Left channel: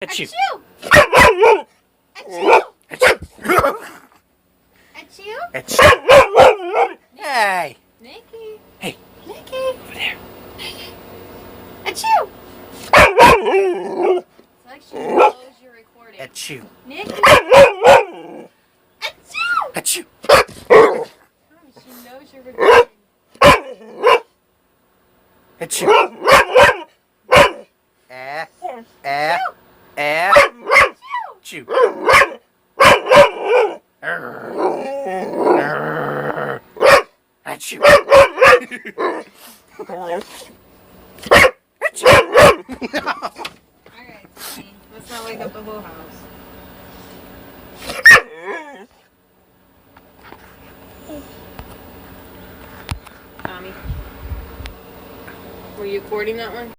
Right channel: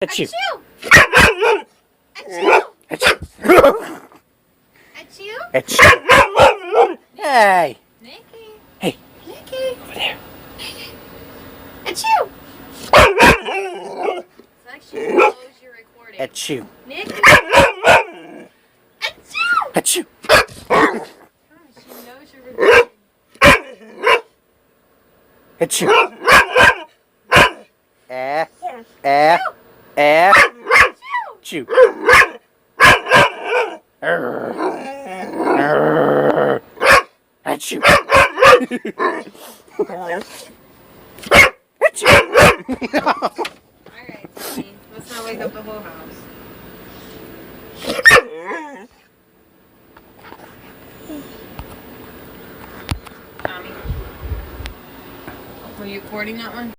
Achoo! Achoo! Achoo! Achoo! Achoo! Hey! Nicky! Hey! Nicky! Over there. Achoo! It's actually knows you're recording. Achoo! Nicky! Achoo! Achoo! Gosh, she knows you're recording. Achoo! Achoo! Achoo! Alright, fine. Let's not wake up the whole house. Were you recording that one?